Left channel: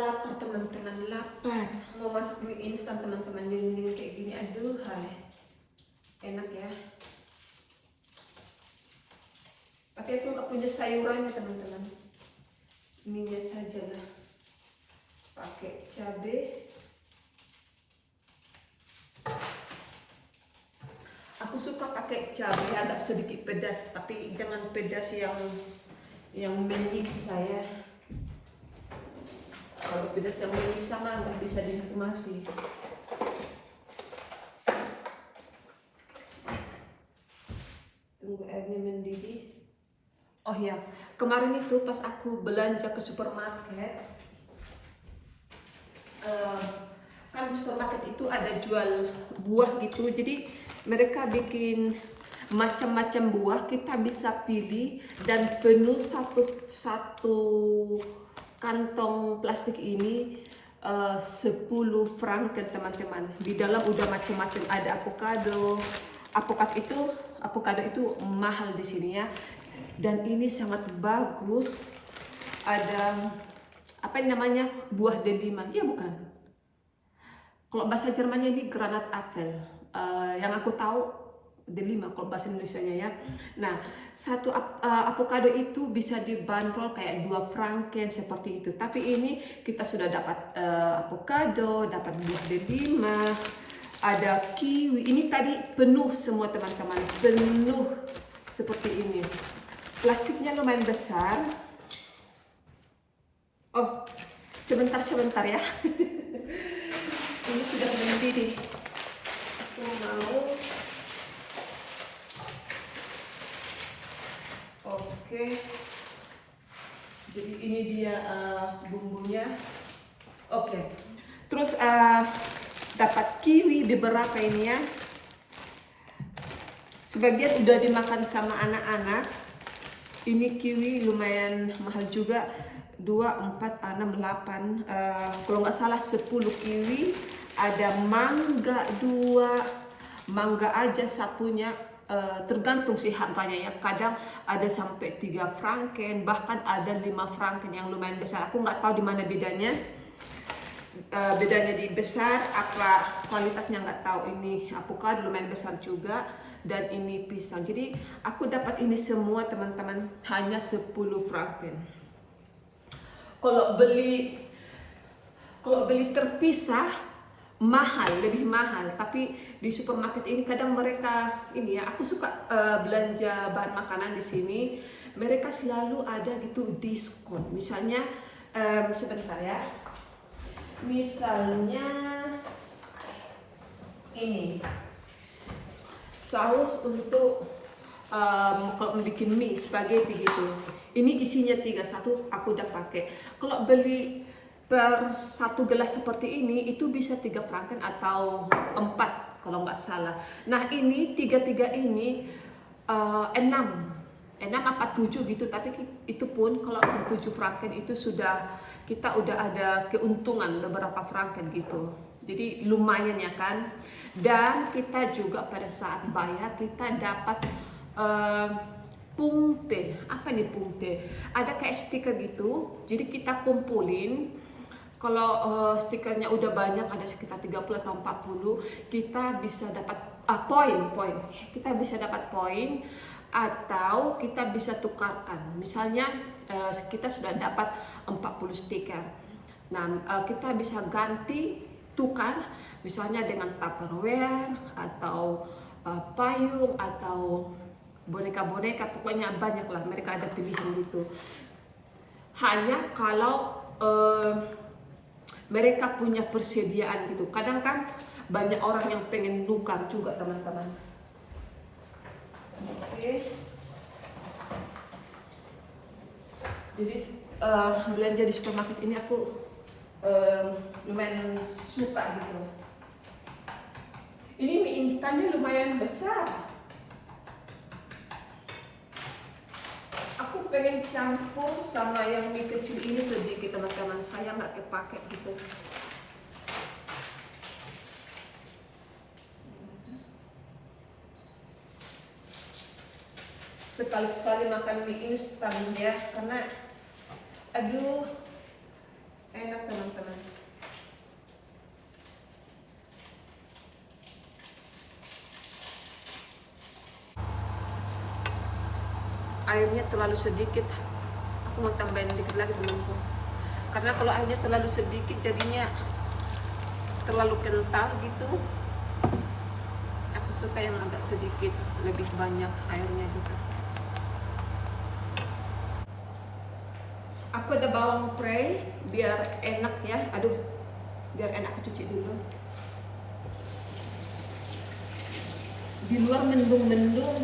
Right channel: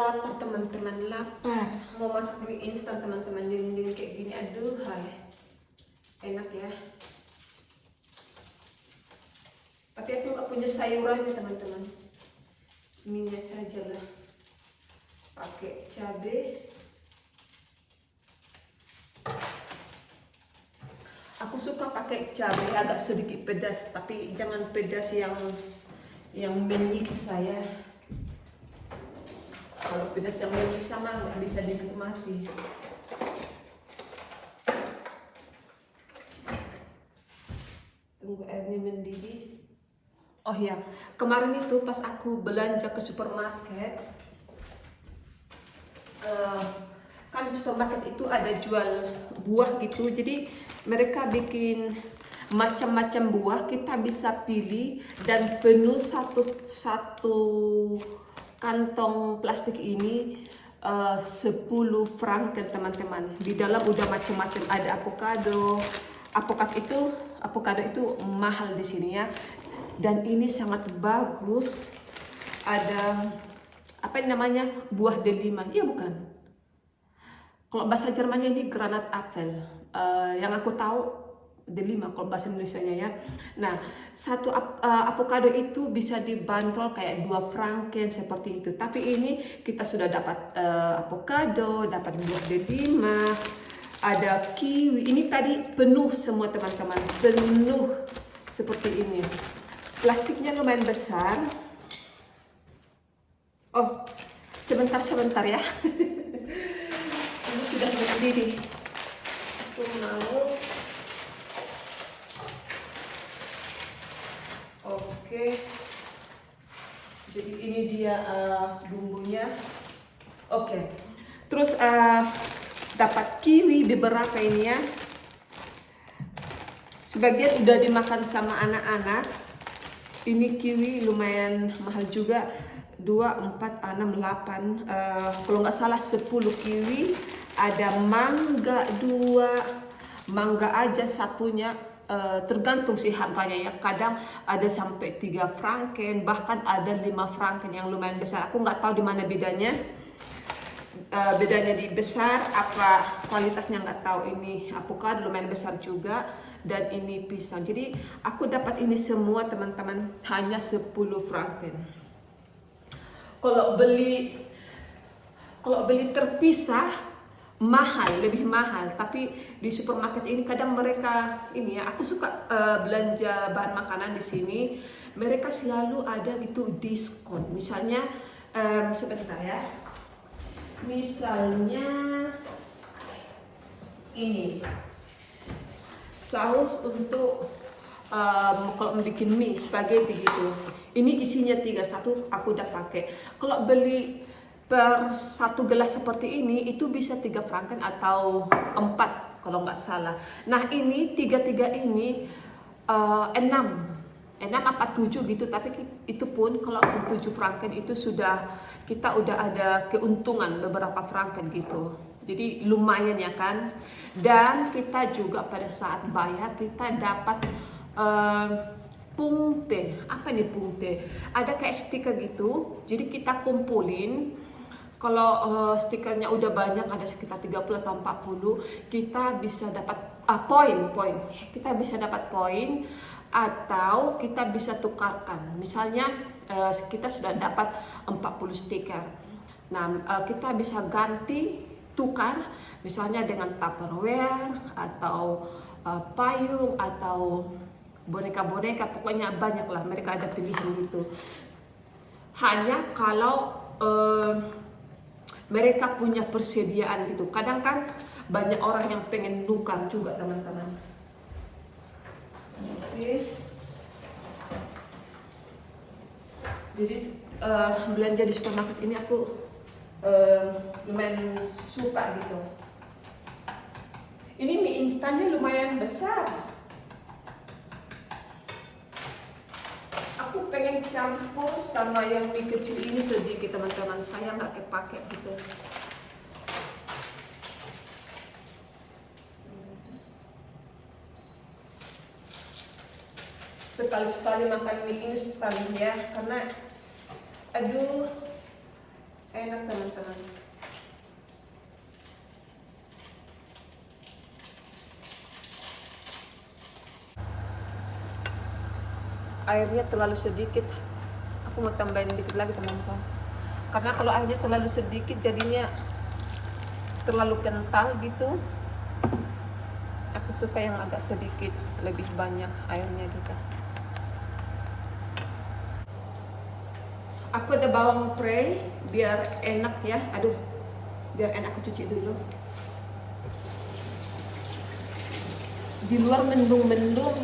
Lapar teman-teman, lapar. Mau masak mie instan teman-teman, dingin kayak gini. Aduh, hai. Enak ya. Tapi aku nggak punya sayurannya teman-teman. Mie-nya saja lah. Pakai cabai. Aku suka pakai cabai agak sedikit pedas, tapi jangan pedas yang menyiksa ya. Kalau pedas yang menyiksa mah nggak bisa dinikmati. Tunggu airnya mendidih. Oh ya, kemarin itu pas aku belanja ke supermarket, kan di supermarket itu ada jual buah gitu. Jadi mereka bikin macam-macam buah, kita bisa pilih dan penuh satu kantong plastik ini 10 franken teman-teman. Di dalam udah macam-macam, ada avocado. Avocado itu mahal di sini ya. Dan ini sangat bagus. Ada apa yang namanya? Buah delima. Iya bukan? Kalau bahasa Jermannya ini Granatapfel. Yang aku tahu delima kalau bahasa Indonesianya ya. Nah, satu avocado itu bisa dibanderol kayak 2 franken seperti itu. Tapi ini kita sudah dapat avocado, dapat buah delima, ada kiwi. Ini tadi penuh semua teman-teman, penuh seperti ini. Plastiknya lumayan besar. Oh, sebentar ya. Ini sudah mendidih. Aku mau. Oke. Jadi ini dia bumbunya. Oke. Terus dapat kiwi beberapa ini ya. Sebagian udah dimakan sama anak-anak. Ini kiwi lumayan mahal juga. 2, 4, 6, 8. Kalau nggak salah 10 kiwi. Ada mangga 2. Mangga aja satunya tergantung sih harganya ya. Kadang ada sampai 3 franken, bahkan ada 5 franken yang lumayan besar. Aku nggak tahu di mana bedanya. Bedanya di besar, apa kualitasnya nggak tahu. Ini avocado lumayan besar juga. Dan ini pisang. Jadi aku dapat ini semua teman-teman hanya 10 franken. Kalau beli terpisah mahal, lebih mahal. Tapi di supermarket ini kadang mereka ini ya, aku suka belanja bahan makanan di sini. Mereka selalu ada gitu diskon. Misalnya sebentar ya. Misalnya ini saus untuk kalau bikin mie spaghetti gitu. Ini isinya 3, satu aku udah pakai. Kalau beli per 1 gelas seperti ini itu bisa 3 franken atau 4 kalau nggak salah. Nah ini 3 ini 6 apa 7 gitu. Tapi itu pun kalau 7 franken itu kita udah ada keuntungan beberapa franken gitu. Jadi lumayan ya kan. Dan kita juga pada saat bayar kita dapat punkte. Apa nih punkte? Ada kayak stiker gitu. Jadi kita kumpulin. Kalau stikernya udah banyak, ada sekitar 30 atau 40, kita bisa dapat poin. Kita bisa dapat poin atau kita bisa tukarkan. Misalnya kita sudah dapat 40 stiker. Nah, kita bisa ganti tukar misalnya dengan Tupperware atau payung atau boneka-boneka, pokoknya banyak lah, mereka ada pilihan gitu. Hanya kalau mereka punya persediaan gitu. Kadang kan banyak orang yang pengen nukar juga teman-teman. Oke. Jadi belanja di supermarket ini aku lumayan suka gitu. Ini mie instannya lumayan besar. Aku pengen campur sama yang mie kecil ini sedikit teman-teman. Saya nggak kepake gitu. Sekali-sekali makan mie instan ya, karena aduh enak teman-teman. teman-teman. Airnya terlalu sedikit. Aku mau tambahin dikit lagi teman-teman. Karena kalau airnya terlalu sedikit jadinya terlalu kental gitu. Aku suka yang agak sedikit, lebih banyak airnya gitu. Aku ada bawang prei biar enak ya. Aduh, biar enak aku cuci dulu. Di luar mendung-mendung.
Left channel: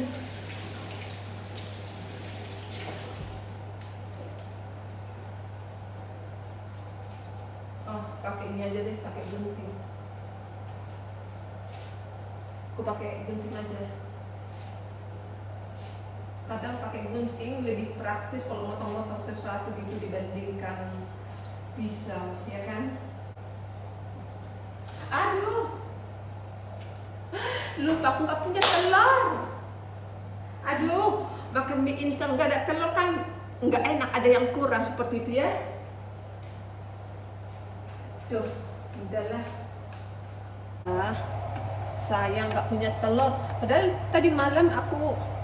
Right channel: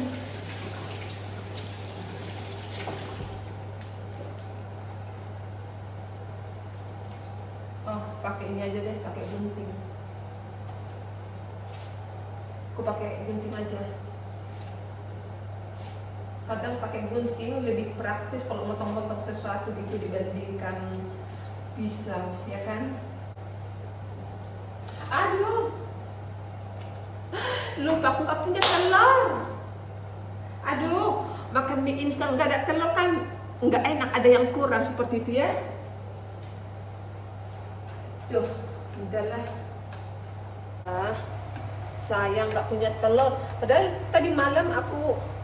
Oh, pakai ini aja deh, pakai gunting. Aku pakai gunting aja. Kadang pakai gunting lebih praktis kalau motong-motong sesuatu gitu dibandingkan pisau, ya kan? Aduh, lupa aku nggak punya telur. Aduh, makan mie instan nggak ada telur kan nggak enak, ada yang kurang seperti itu ya. Tuh, udahlah. Sayang nggak punya telur. Padahal tadi malam aku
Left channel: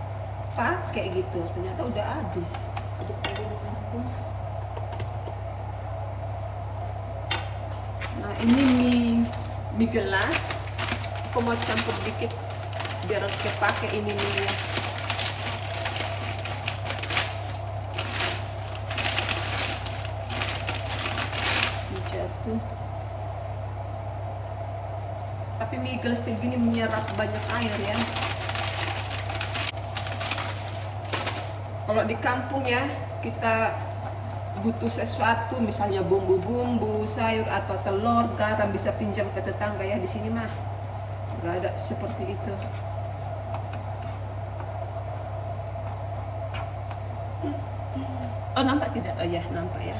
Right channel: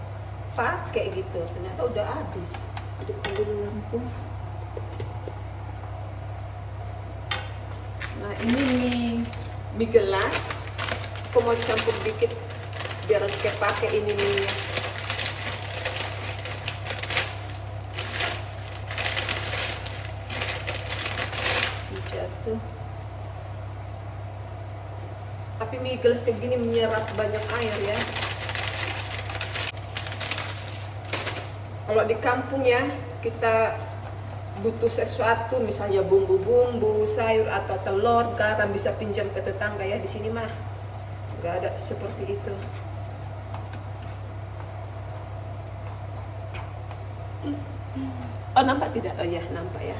pakai gitu, ternyata udah habis. Nah ini mie gelas. Aku mau campur dikit biar kayak pakai ini mie. Jatuh. Tapi mie gelas kayak gini menyerap banyak air ya. Kalau di kampung ya kita butuh sesuatu, misalnya bumbu-bumbu, sayur atau telur, garam, bisa pinjam ke tetangga ya. Di sini mah nggak ada seperti itu. Oh nampak tidak? Oh ya nampak ya.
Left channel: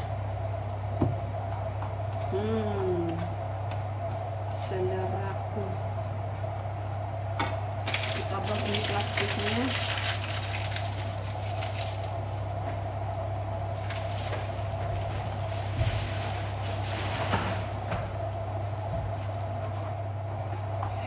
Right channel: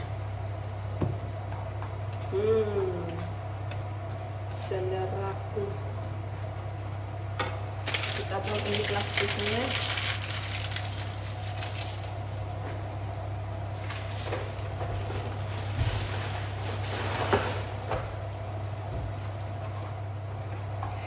Seleraku. Kita buang ini plastiknya.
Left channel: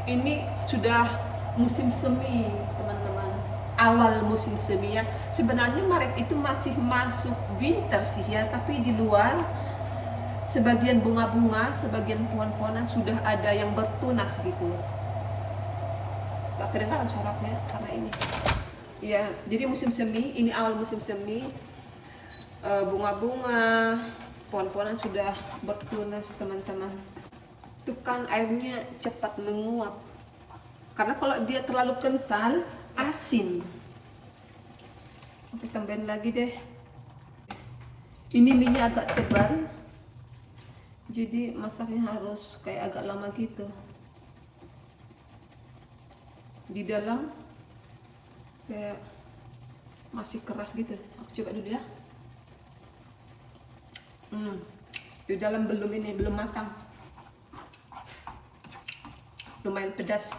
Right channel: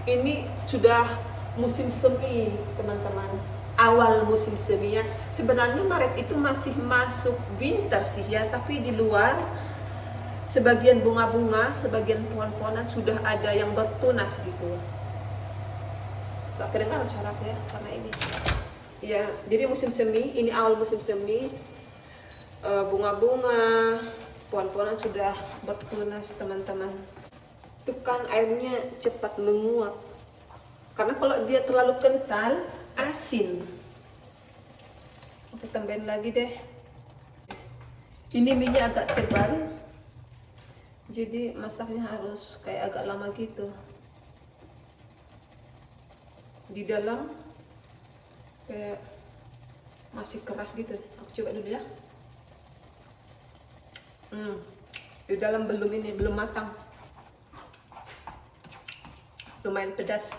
Ini sudah musim semi teman-teman, awal musim semi ya. Sebenarnya Maret itu masih masuk winter sih ya, tapi di luar sebagian bunga-bunga, sebagian pohon-pohonan sudah ada yang bertunas gitu. Gak kedengaran suaranya karena ini ya, jadi musim semi, ini awal musim semi. Bunga-bunga, pohon-pohonan sudah bertunas teman-teman. Itu kan airnya cepat menguap. Karena kalau dia terlalu kental, asin. Oke, tambahin lagi deh. Ini minyak agak tebal. Jadi masaknya harus kayak agak lama gitu. Di dalam kayak masih keras gitu. Aku coba dulu ya. Di dalam belum matang. Lumayan pedas.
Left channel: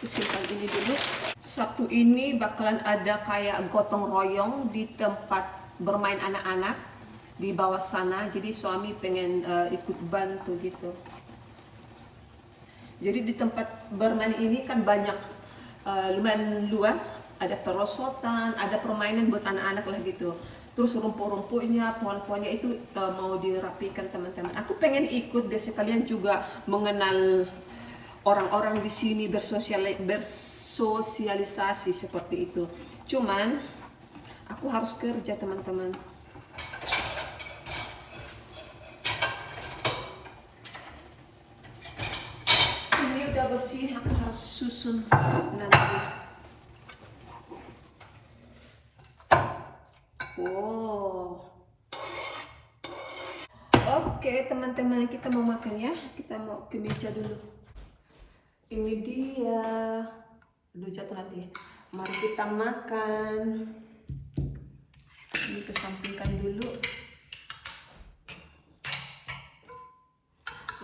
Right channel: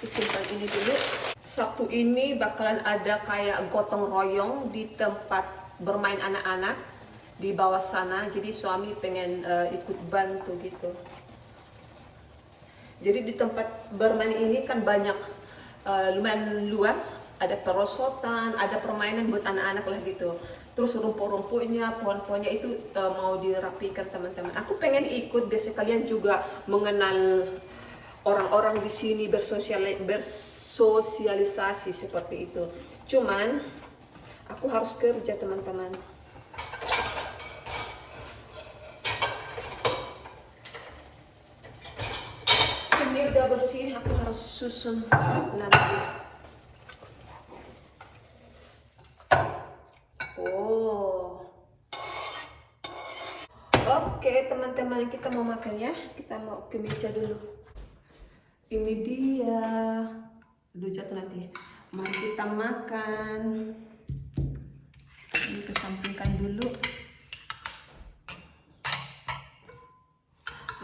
Aku simpan ini dulu. Sabtu ini bakalan ada kayak gotong royong di tempat bermain anak-anak di bawah sana. Jadi suami pengen ikut bantu gitu. Jadi di tempat bermain ini kan banyak, lumayan luas. Ada perosotan, ada permainan buat anak-anak lah gitu. Terus rumput-rumputnya, pohon-pohonnya itu mau dirapikan teman-teman. Aku pengen ikut biar sekalian juga mengenal orang-orang di sini, bersosialisasi seperti itu. Cuman aku harus kerja teman-teman. Ini udah bersih, aku harus susun nanti. Oke teman-teman, kita mau makan ya. Kita mau ke meja dulu. Ini dia. Aduh jatuh nanti. Mari kita makan. Ini kesampingkan dulu.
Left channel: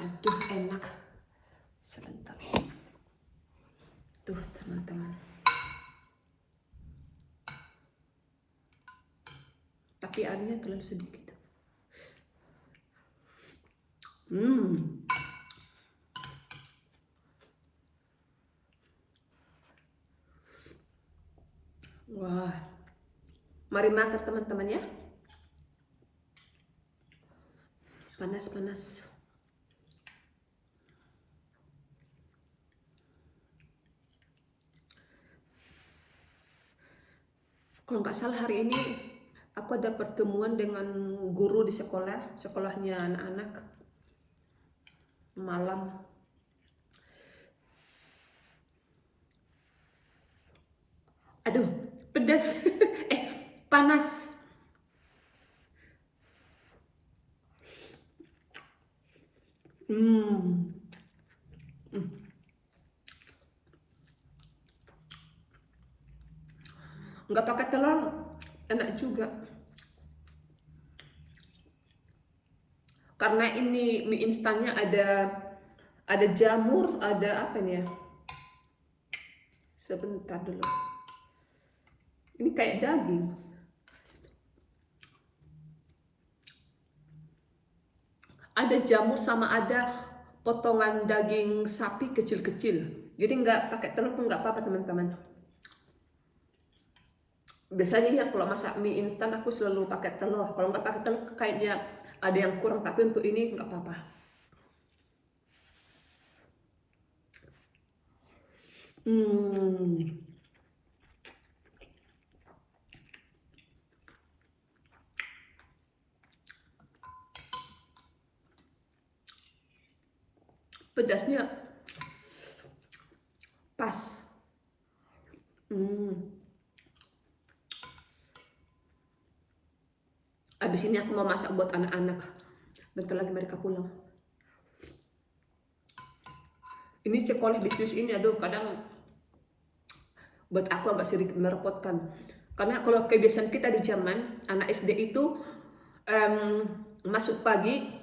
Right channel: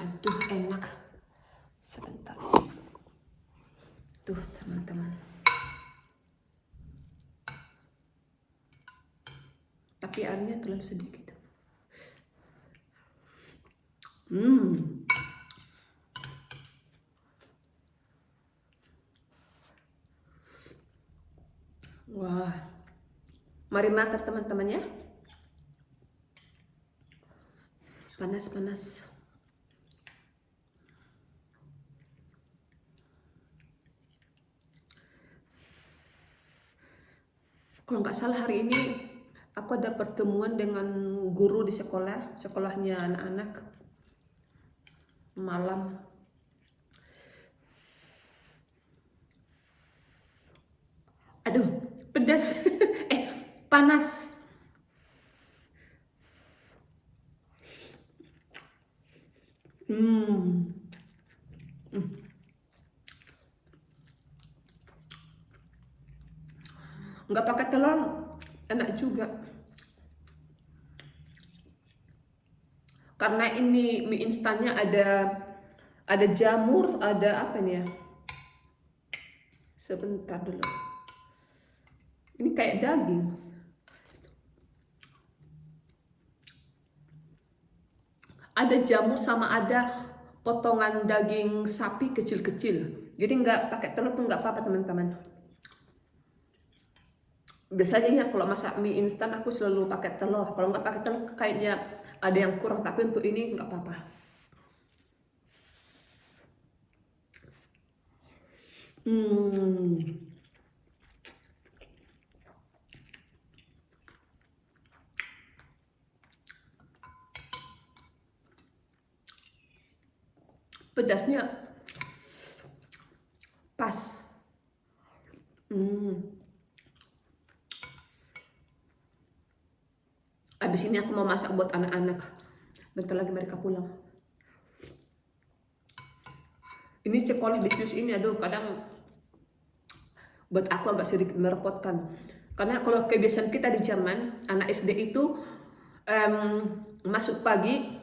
Aduh enak. Sebentar. Tuh teman-teman. Tapi tapi airnya terlalu sedikit. Wah, mari makan teman-teman ya. Panas-panas. Kalau nggak salah hari ini aku ada pertemuan dengan guru di sekolahnya anak-anak malam. Aduh, pedas. Panas. Nggak pakai telur, enak juga. Karena ini mie instannya ada jamur, ada apa nih ya? Sebentar dulu. Ini kayak daging. Ada jamur sama ada potongan daging sapi kecil-kecil. Jadi nggak pakai telur pun nggak apa-apa teman-teman. Biasanya ya kalau masak mie instan aku selalu pakai telur. Kalau nggak pakai telur kayaknya ada yang kurang. Tapi untuk ini nggak apa-apa. Pedasnya pas. Abis ini aku mau masak buat anak-anak. Bentar lagi mereka pulang. Ini sekolah di Swiss ini, aduh kadang buat aku agak sedikit merepotkan. Karena kalau kebiasaan kita di Jerman, anak SD itu masuk pagi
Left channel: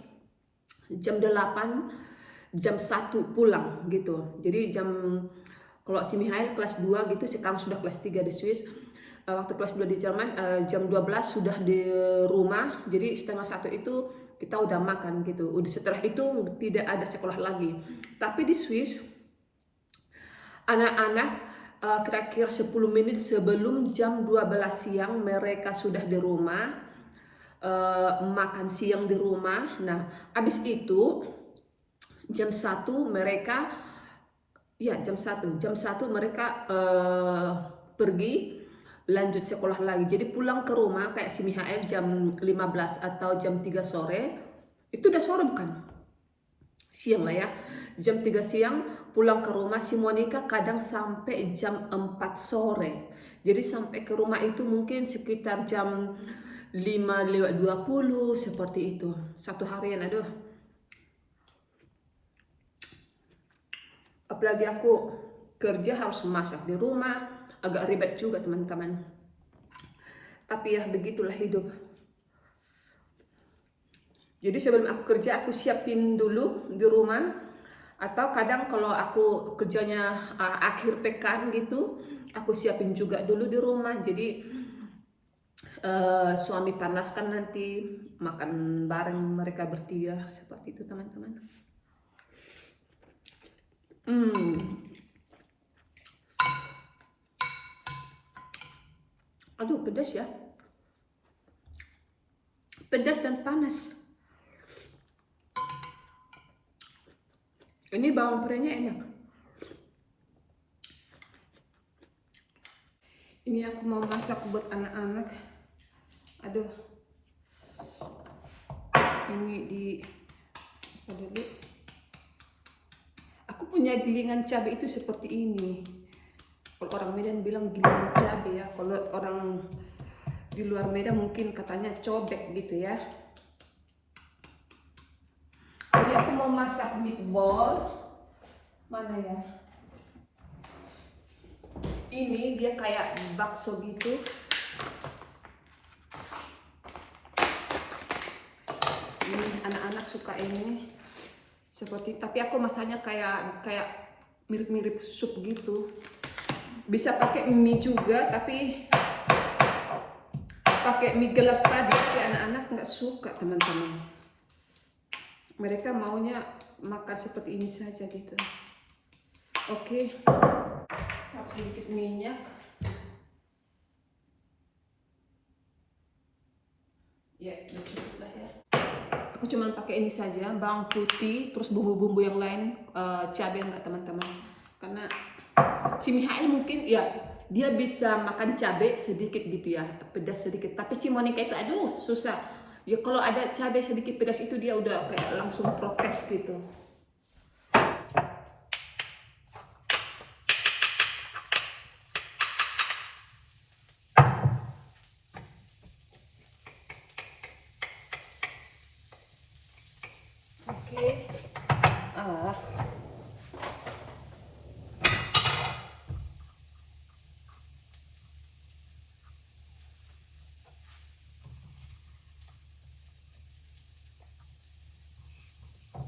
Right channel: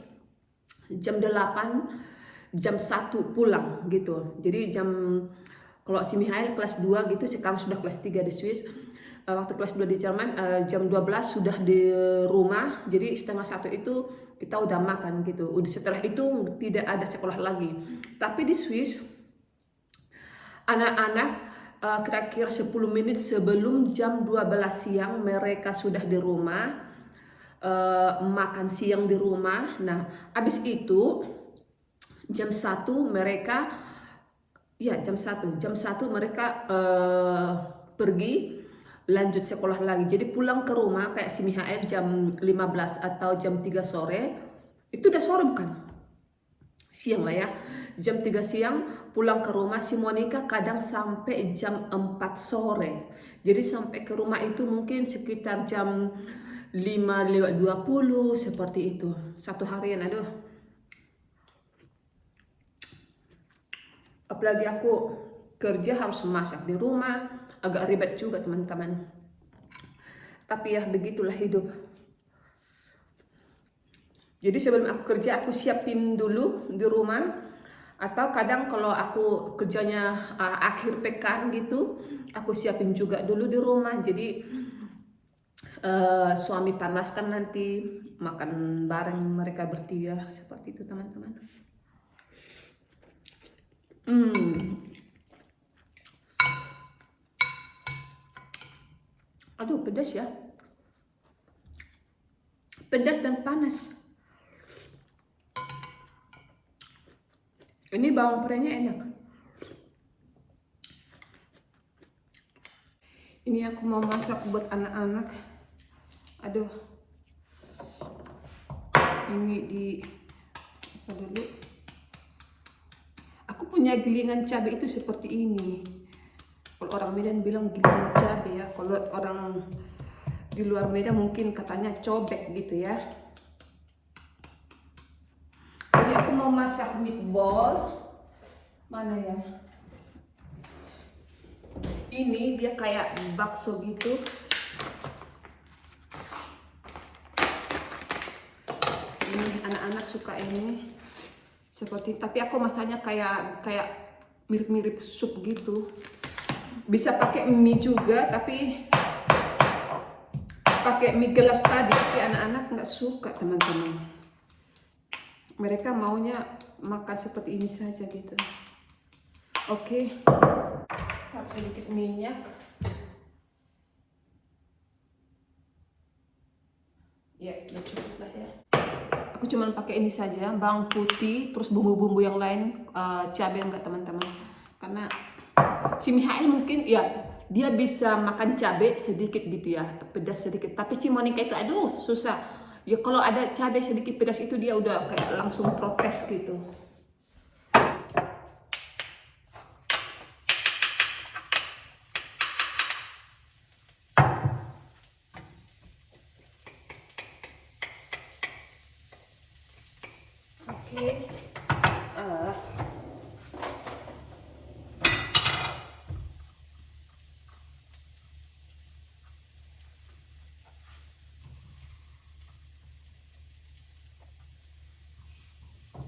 jam 8, jam 1 pulang gitu. Jadi kalau si Mihail kelas 2 gitu, sekarang sudah kelas 3 di Swiss. Waktu kelas 2 di Jerman jam 12 sudah di rumah. Jadi setengah 1 itu kita udah makan gitu. Setelah itu tidak ada sekolah lagi. Tapi di Swiss anak-anak kira-kira 10 menit sebelum jam 12 siang mereka sudah di rumah, makan siang di rumah. Nah, habis itu jam 1 mereka jam 1 mereka pergi lanjut sekolah lagi. Jadi pulang ke rumah kayak si Mihael jam 15 atau jam 3 sore. Itu udah sore bukan? Siang lah ya. Jam 3 siang pulang ke rumah. Si Monica kadang sampai jam 4 sore. Jadi sampai ke rumah itu mungkin sekitar jam 5:20 seperti itu. Satu harian, aduh. Apalagi aku kerja harus masak di rumah, agak ribet juga teman-teman. Tapi ya begitulah hidup. Jadi sebelum aku kerja aku siapin dulu di rumah. Atau kadang kalau aku kerjanya akhir pekan gitu, aku siapin juga dulu di rumah. Jadi suami panaskan nanti makan bareng mereka bertiga. Seperti itu teman-teman. Aduh pedas ya. Pedas dan panas. Ini bawang prenya enak. Ini aku mau masak buat anak-anak. Aduh. Ini di apa dulu? Aku punya gilingan cabai itu seperti ini. Kalau orang Medan bilang gilingan cabai ya. Kalau orang di luar Medan mungkin katanya cobek gitu ya. Jadi aku mau masak meatball. Mana ya? Ini dia kayak bakso gitu. Ini anak-anak suka ini. Seperti, tapi aku masaknya kayak mirip-mirip sup gitu. Bisa pakai mie juga, tapi pakai mie gelas tadi, tapi anak-anak nggak suka teman-teman. Mereka maunya makan seperti ini saja gitu. Oke, taruh sedikit minyak. Ya cukup lah ya. Aku cuma pakai ini saja, bawang putih, terus bumbu-bumbu yang lain, cabai enggak teman-teman. Karena si Mihail mungkin ya dia bisa makan cabai sedikit gitu ya, pedas sedikit. Tapi si Monica itu aduh susah. Ya kalau ada cabai sedikit pedas itu dia udah kayak langsung protes gitu. Oke.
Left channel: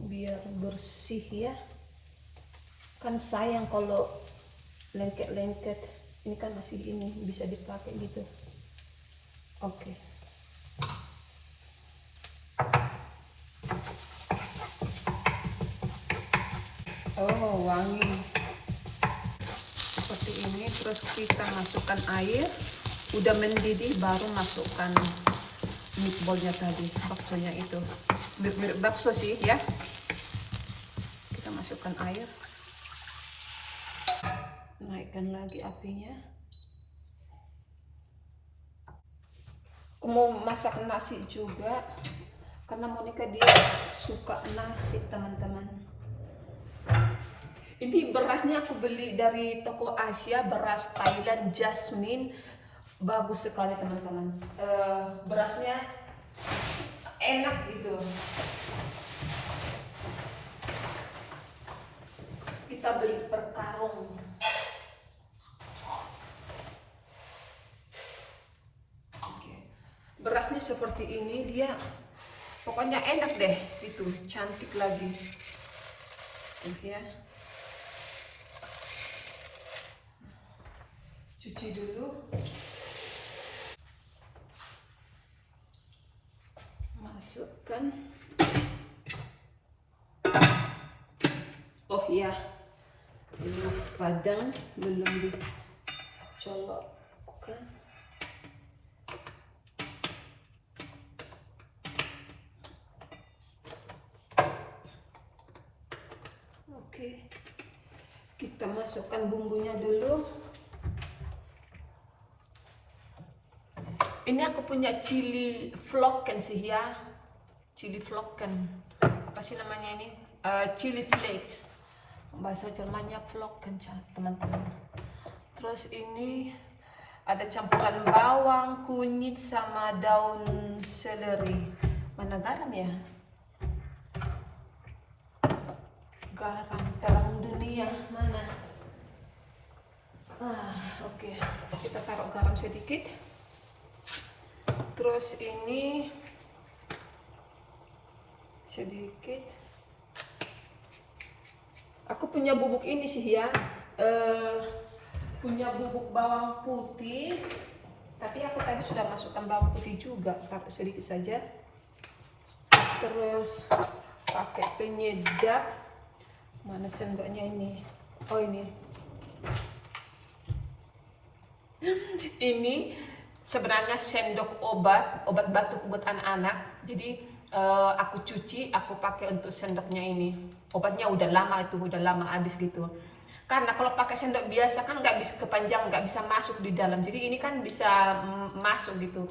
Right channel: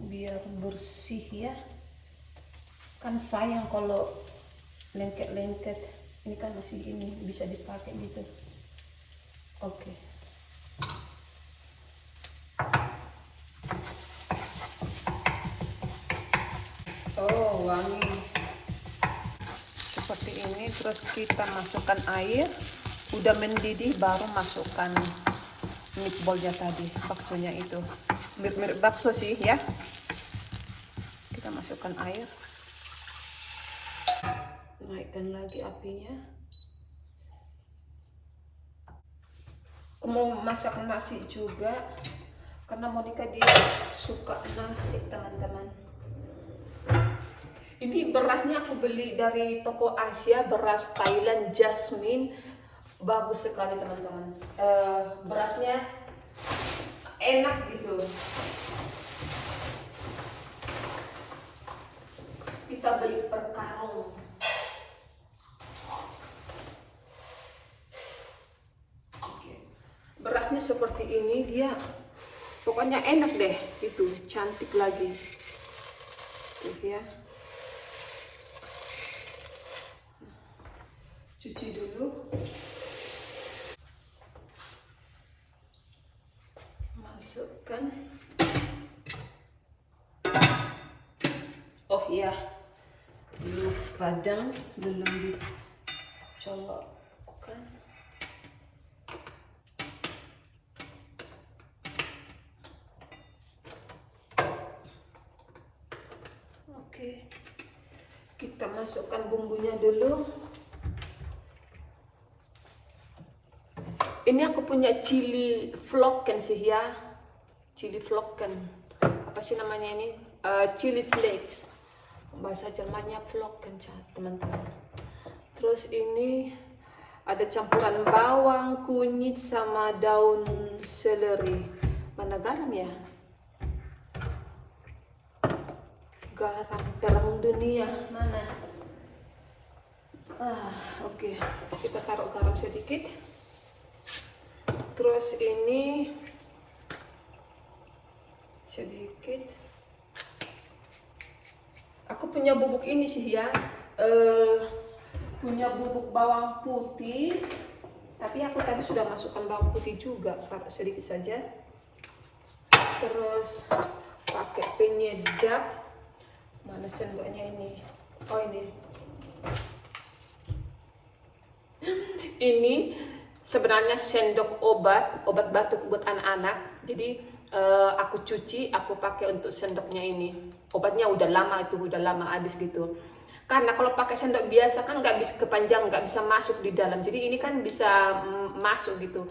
Biar bersih ya, kan sayang kalau lengket-lengket. Ini kan masih ini bisa dipakai gitu. Oke. Oh wangi seperti ini. Terus kita masukkan air, udah mendidih baru masukkan meatballnya tadi, baksonya itu mirip-mirip bakso sih ya. Kita masukkan air, naikkan lagi apinya. Aku mau masak nasi juga karena Monica dia suka nasi teman-teman. Ini berasnya aku beli dari toko Asia, beras Thailand Jasmine, bagus sekali teman-teman. Berasnya enak gitu. Kita beli per karung. Berasnya seperti ini, dia pokoknya enak deh, itu cantik lagi. Terus ya, cuci dulu, masukkan. Oh iya, ini padang belum dicolokkan. Oke, kita masukkan bumbunya dulu. Ini aku punya chili flocken sih ya, chili flocken. Apa sih namanya ini? Chili flakes. Bahasa Jermannya flocken teman-teman. Terus ini ada campuran bawang, kunyit sama daun seleri. Mana garam ya? Garam dunia mana? Oke. Kita taruh garam sedikit. Terus ini sedikit. Aku punya bubuk ini sih ya, punya bubuk bawang putih. Tapi aku tadi sudah masukkan bawang putih juga, pakai sedikit saja. Terus pakai penyedap. Mana sendoknya ini? Oh ini. Ini sebenarnya sendok obat batuk buat anak-anak. Jadi aku cuci, aku pakai untuk sendoknya ini. Obatnya udah lama habis gitu. Karena kalau pakai sendok biasa kan nggak bisa kepanjang, nggak bisa masuk di dalam. Jadi ini kan bisa masuk gitu.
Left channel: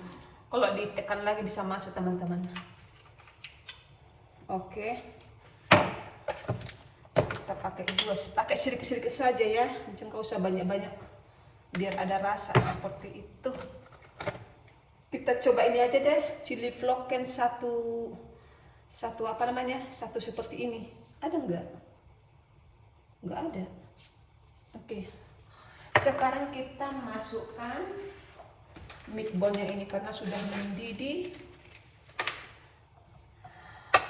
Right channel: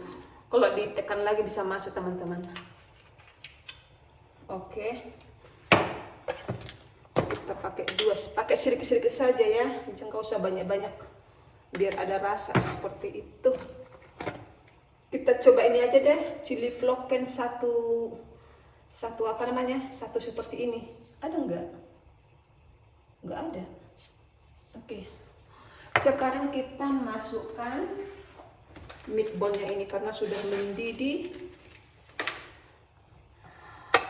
Kalau ditekan lagi bisa masuk teman-teman. Oke. Kita pakai sedikit-sedikit saja ya, jangan usah banyak-banyak, biar ada rasa seperti itu. Kita coba ini aja deh, chili flocken satu apa namanya, satu seperti ini. Ada nggak? Nggak ada. Oke. Sekarang kita masukkan meatballnya ini karena sudah mendidih.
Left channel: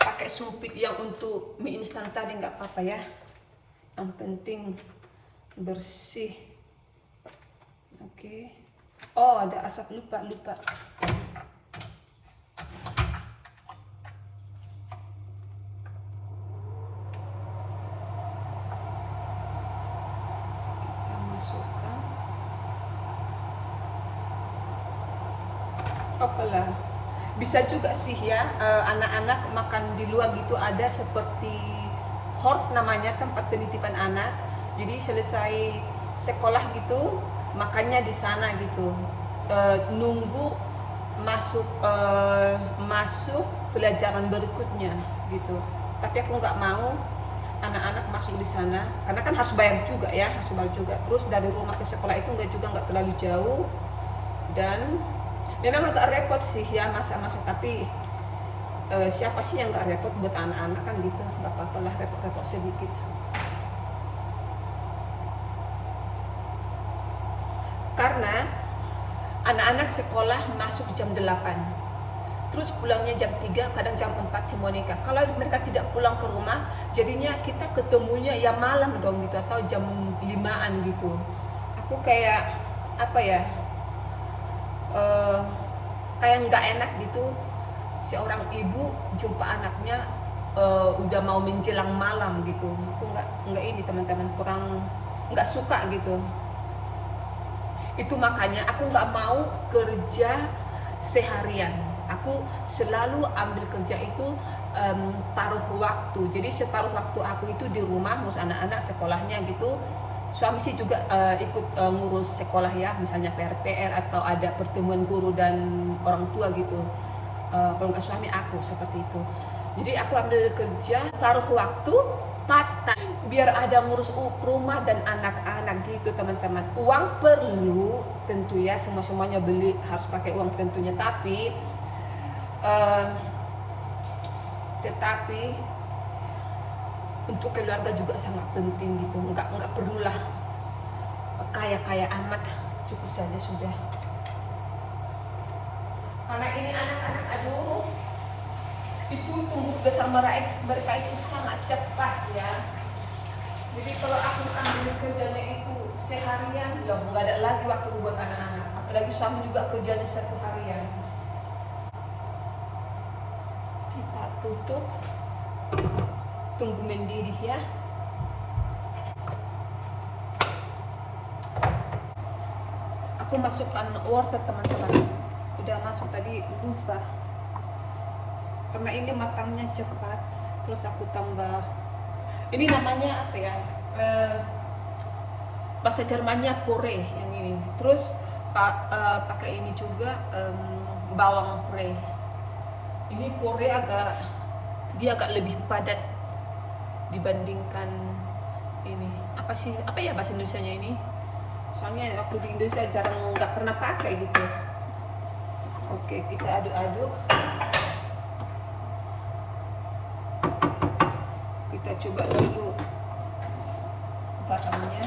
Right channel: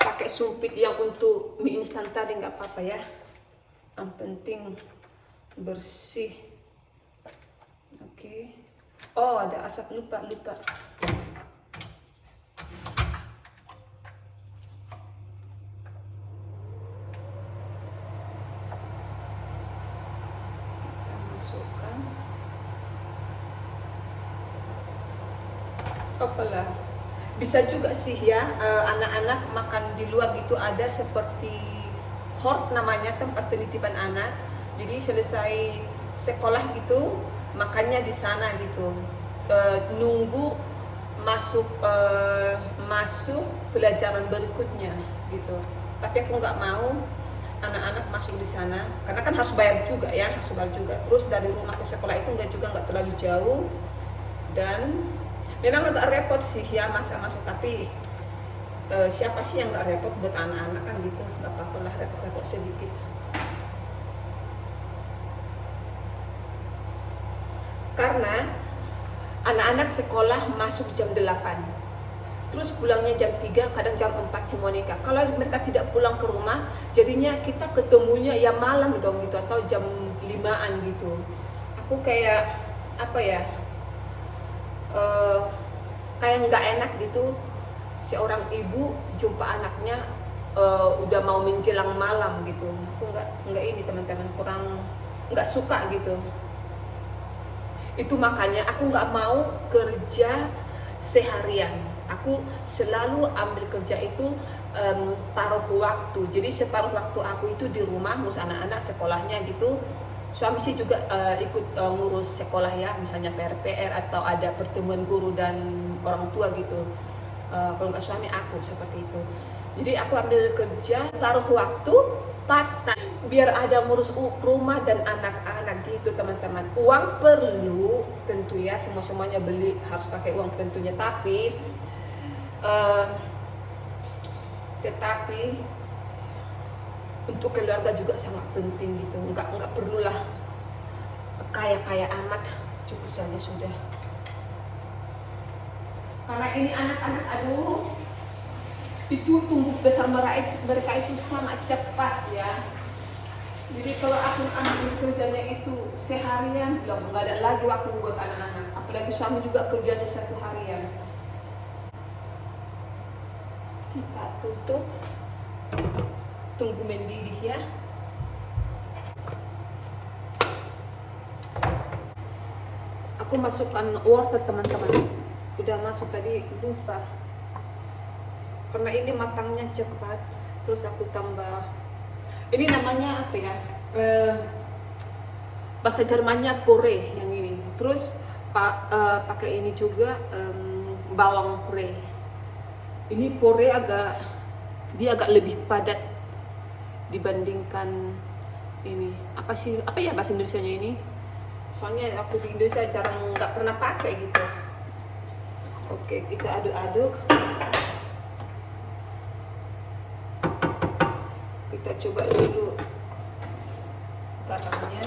Pakai sumpit yang untuk mie instan tadi nggak apa-apa ya. Yang penting bersih. Oke. Oh ada asap, lupa. Apalah. Bisa juga sih ya, anak-anak makan di luar gitu, ada seperti hort namanya, tempat penitipan anak. Jadi selesai sekolah gitu, makannya di sana gitu. Nunggu masuk pelajaran berikutnya gitu. Tapi aku nggak mau anak-anak masuk di sana karena kan harus bayar juga ya, harus bayar juga. Terus dari rumah ke sekolah itu nggak terlalu jauh, dan memang agak repot sih ya masa-masa, tapi siapa sih yang nggak repot buat anak-anak kan gitu, nggak apa-apa lah repot-repot sedikit. Karena anak-anak sekolah masuk jam 8, terus pulangnya jam 3, kadang jam 4 si Monica. Kalau mereka tidak pulang ke rumah, jadinya kita ketemunya ya malam dong gitu, atau jam 5-an gitu. Aku kayak apa ya, kayak nggak enak gitu, seorang ibu jumpa anaknya udah mau menjelang malam gitu. Aku nggak ini teman-teman, kurang nggak suka gitu. Itu makanya aku nggak mau kerja seharian. Aku selalu ambil kerja itu paruh waktu. Jadi separuh waktu aku itu di rumah ngurus anak-anak sekolahnya gitu. Suami sih juga ikut ngurus sekolah ya, misalnya PR atau ada pertemuan guru dan orang tua gitu. Kalau nggak suami aku seperti itu. Jadi aku ambil kerja paruh waktu, part-time, biar ada ngurus rumah dan anak-anak gitu teman-teman. Uang perlu tentu ya, semuanya beli harus pakai uang tentunya, tetapi untuk keluarga juga sangat penting gitu. Nggak perlulah kaya amat, cukup saja sudah. Karena ini anak-anak, aduh, itu tumbuh besar mereka itu sangat cepat ya. Jadi kalau aku anak kerjanya itu seharian, belum nggak ada lagi waktu buat anak-anak. Apalagi suami juga kerjanya 1 harian. Kita tutup, tunggu mendidih ya. Aku masukkan wortel teman-teman. Udah masuk tadi, lupa. Karena ini matangnya cepat, terus aku tambah. Ini namanya apa ya? Bahasa Jermannya puree yang ini. Terus pakai ini juga bawang puree. Ini puree dia agak lebih padat dibandingkan ini. Apa ya bahasa Indonesianya ini? Soalnya waktu di Indonesia nggak pernah pakai gitu. Oke, kita aduk-aduk. Kita coba dulu garamnya.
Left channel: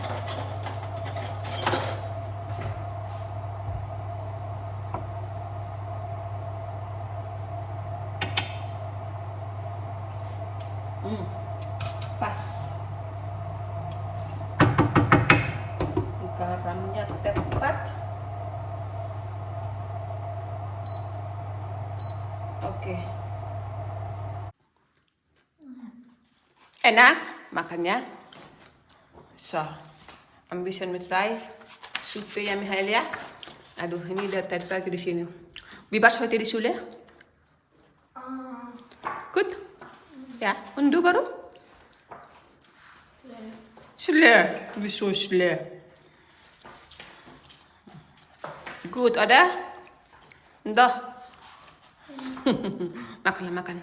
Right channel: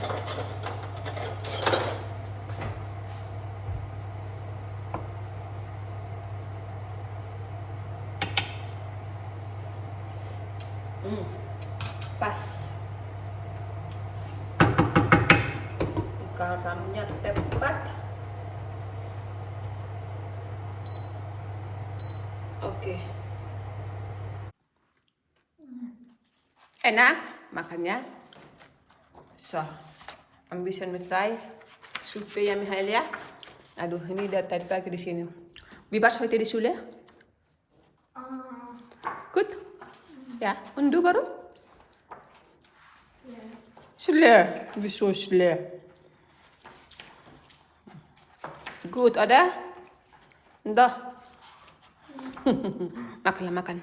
Pas. Garamnya tepat. Oke. Enak makannya. So, ambition with rice. Suppe ya Mihail ya. Aduh, ini dari tadi pagi di sini. Wie war's heute die Schule? Gut? Ja, und du baru? Schlecht. Wieso schlecht? Gut, oder? Dah. Makanlah, makan.